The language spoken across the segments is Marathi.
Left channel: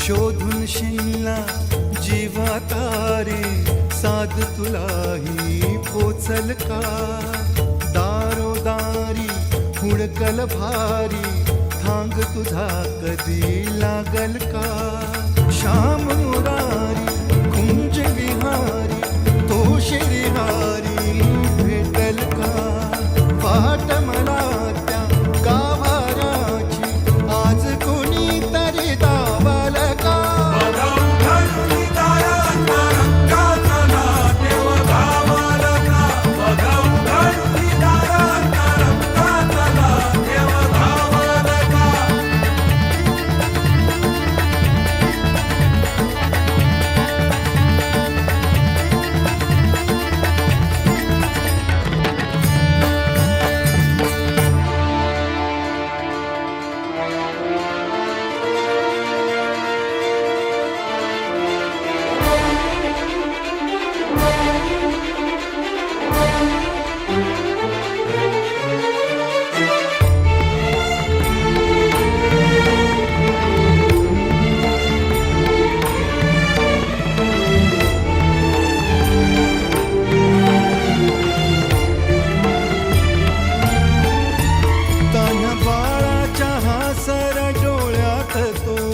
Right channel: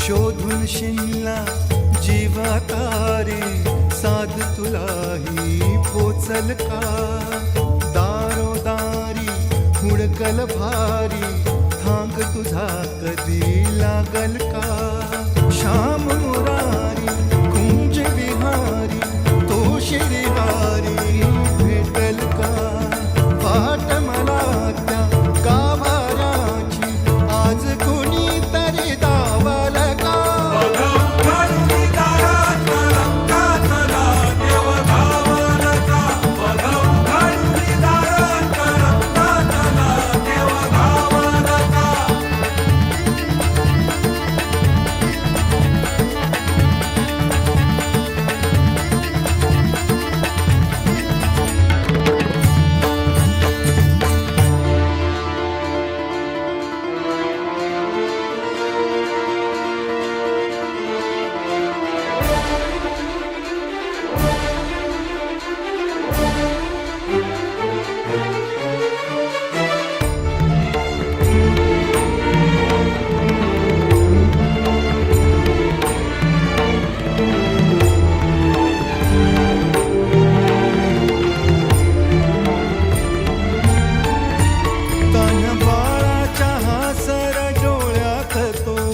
शोधून शिनला जीवा तारे, साध तुलाही पोचल का? दारोदारी हुडकल भारी, थांग तुझा कधी लागल का? श्याम मुरारी कुंज विहारी, तो शिरिहारी भेटल का? वाट मला त्या गाभाराची, आज कुणी तरी दावल का?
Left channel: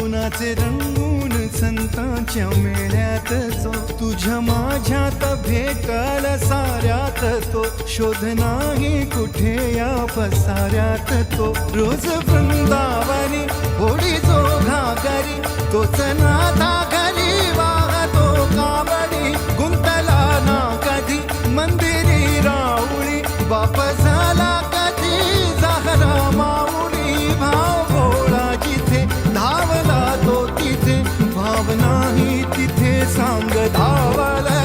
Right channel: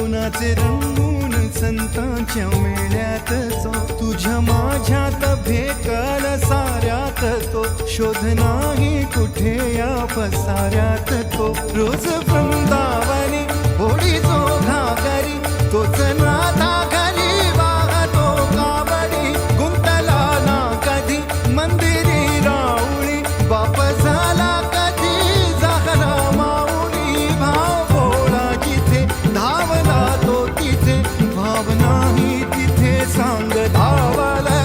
नाचे रंगून संतांच्या मेळ्यात जो, तुझ्या माझ्यात भेटल साऱ्यात तो, शोध नाही कुठे या पसाऱ्यात तो. रोज वृंदावनी होडी जो घागरी, तोच नाथा घरी वाहतो काबडी. गुंतला ना कधी मंदिरी राऊळी, बाप झाला कधी झाला माऊली. भाव भोळा जिथे धावला तो तिथे, भाव नाही तिथे सांग धावला